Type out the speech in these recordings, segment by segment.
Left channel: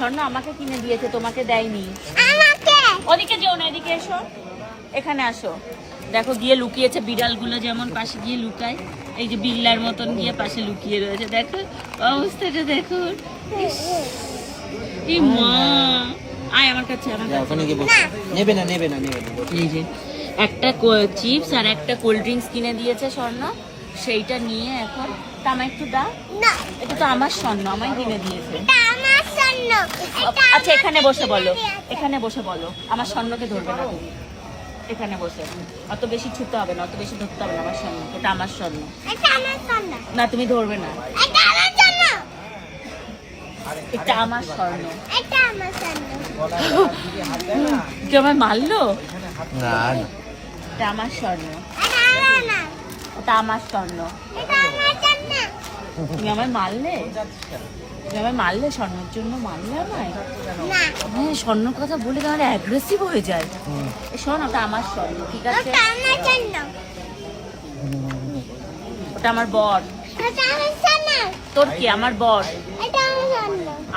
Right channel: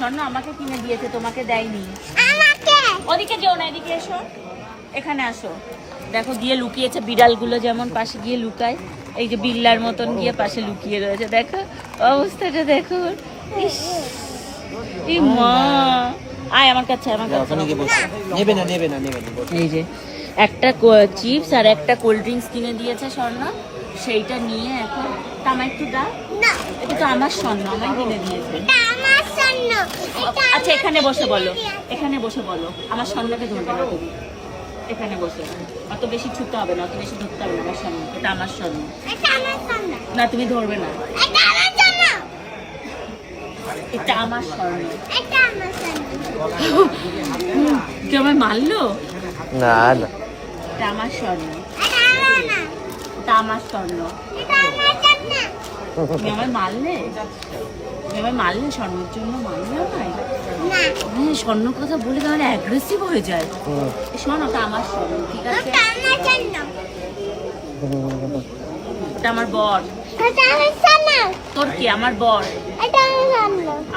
স্বর্ণ আমাকে কিনে দিয়েছে, তোমাকে দেয়নি। ওদিকে যেও না, এদিকে এসো, এখানে আসো। দেখো গিয়ে লুকিয়েছে, বিড়ালগুলো যেমন পাশে গিয়ে লুকায়, এই যে বিল্লার মতন গিয়ে পাশে লুকিয়ে রয়েছে। দেখো অবস্থাটা দেখো। মা আয় আমার কাছে, আমার কাছে। নেবে না নেবে না নেবে না। এই যে একটা চিপস আর একটা কোল্ড ড্রিঙ্কস কিনে দিয়েছে স্বর্ণ, সেইটা নিয়ে এখন তামা একটু দা। এটা তো আমার স্বর্ণ, আমায় কিনে দিয়েছে। আচ্ছা এখানে বসে বলো, এখানে বসে বলো, আমার স্বর্ণকে ধরবে না তুমি। এখানে বসে, অত বেশি ছুটতে হবে না, অত বেশি ধরতে হবে না। আমার স্বর্ণ, এটা আমার স্বর্ণ। না তুমি ধরবে না, এটা আমার স্বর্ণ। কি আমায় মারলো? না না, এটা আমার স্বর্ণ, এটা আমার স্বর্ণ। তুমি আমায় মারলে, তুমি আমায় মারলে, স্বর্ণের জন্য মারলে আমায়? হ্যাঁ, স্বর্ণ কথা বলে তাহলে অ্যাগ্রেসিভ হয়ে যায়। শোন, ওটা আমার স্বর্ণ, ঠিক আছে? ওটা আমার বর। তোর কি? আমার বর,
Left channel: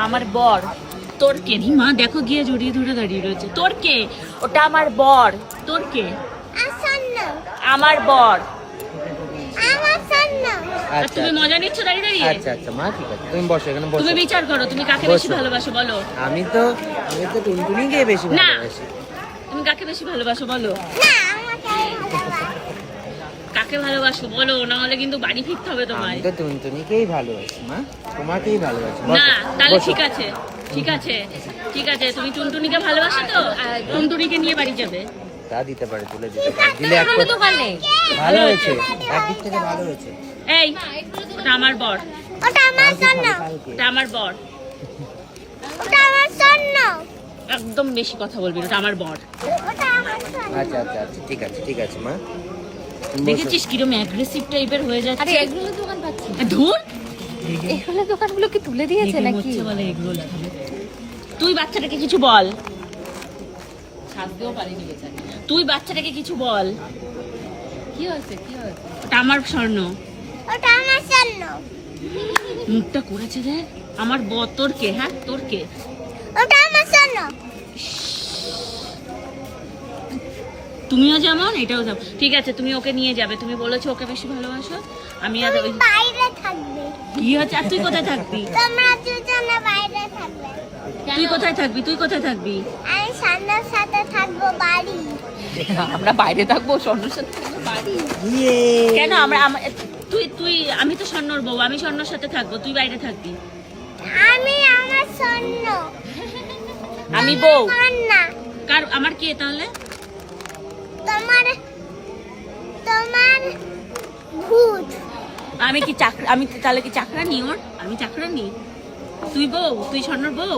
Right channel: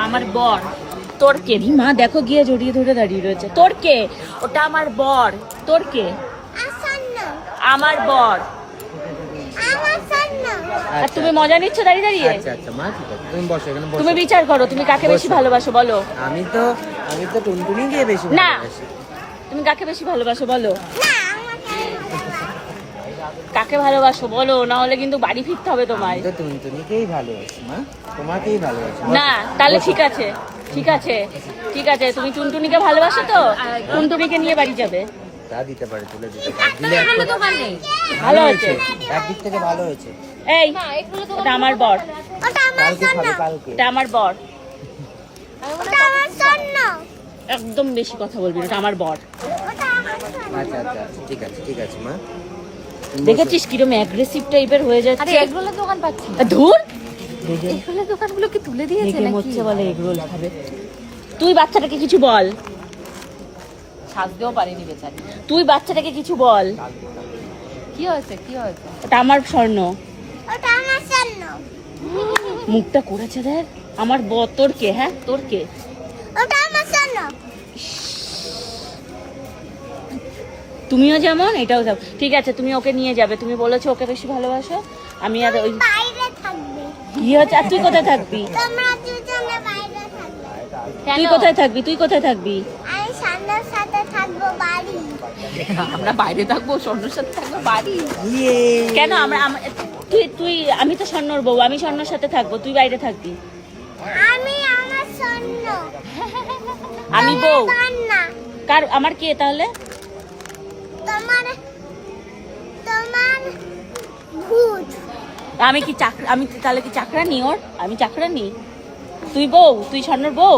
আমার বর। তোর কে? রিমা দেখো গিয়ে জড়িয়ে ধরে দাঁড়িয়ে রয়েছে। তোর কে? ওটা আমার বর। তোর কে? আমার বর। আর তুমি মজা নিচ্ছ দাঁড়িয়ে দাঁড়িয়ে? আচ্ছা আচ্ছা মা, ঠিক আছে, তুমি বসো এখানে বসো। তুমি বিচার করো, তুমি কাকে বেশি ভালোবাসো বলো? আমি তো টুনটুনিকে বেশি না, ভালোবাসি। তুমি কাকে বেশি ভালোবাসো বলো? কাকে ভালোবাসো বলো, না হলে কিন্তু বাড়ি ফিরতে হবে তোমায়। আমি তো টুনটুনিকেই ভালোবাসি মা, তোমাকেই ভালোবাসি। না তাহলে ঠিক আছে, ঠিক আছে, ঠিক আছে, তুমি টুনটুনিকে ভালোবাসো তো টুনটুনিকে নিয়ে বাড়ি যাবে। তা দিতে পারে, তুলে দিতে পারে, দিলে দোকান নেই। ভালো হয়েছে, একদিক থেকে ভালো হয়েছে। এই ওটা আমার বর, কালকে খাবে, কালকে। ওটা আমার বর। একদম বেশি কথা বলবি না, ওটা আমার বর। আচ্ছা আচ্ছা আচ্ছা, ঠিক আছে ঠিক আছে মা। দেখেছিস কিরম অ্যাগ্রেসিভ টাইপের হয়ে যাচ্ছে? এগুলো দোকান পাচ্ছি, ধুর, এগুলো দোকানগুলো কি তুলে দিয়েছে নাকি? হচ্ছে বলে এগুলো লেখাবে। তুই বাচ্চাটাকে কিছু বল, থাকতেও পারিনি বেচারি। তুই বাচ্চাটাকে কিছু বল। কি হয়েছে, কি হয়েছে? ওটা আমার স্বর্ণ। মুখটা করেছে দেখ, আমার বর। তোর কে? হ্যাঁ তোর কে? তুমিও যেমন, এটাও যাও। ঠিক আছে, তুমি ওকে নিয়ে যাবে, তুমি বলেছো ওকে বেশি ভালোবাসো। আমি আর ওই কি হচ্ছে? আর তুই কোথায় থাকবি? তুই কোথায় থাকবি? তুই কোথায় থাকবি? আমরা বাইরে থাকবো, স্বর্ণর সাথে থাকবো বাড়ি। কেন? আমরা তুই তুই আমি তো স্বর্ণর বউ, আমি স্বর্ণর সাথে থাকবো, তুই বাইরে থাকবি। আমি বউ কার? আমার কে তাহলে? আমি কি চাকরা? আমি তাহলে কি চাকরা নি ওর? আমি চাকরা নি? তুই বউ, তুই স্বর্ণর বউ।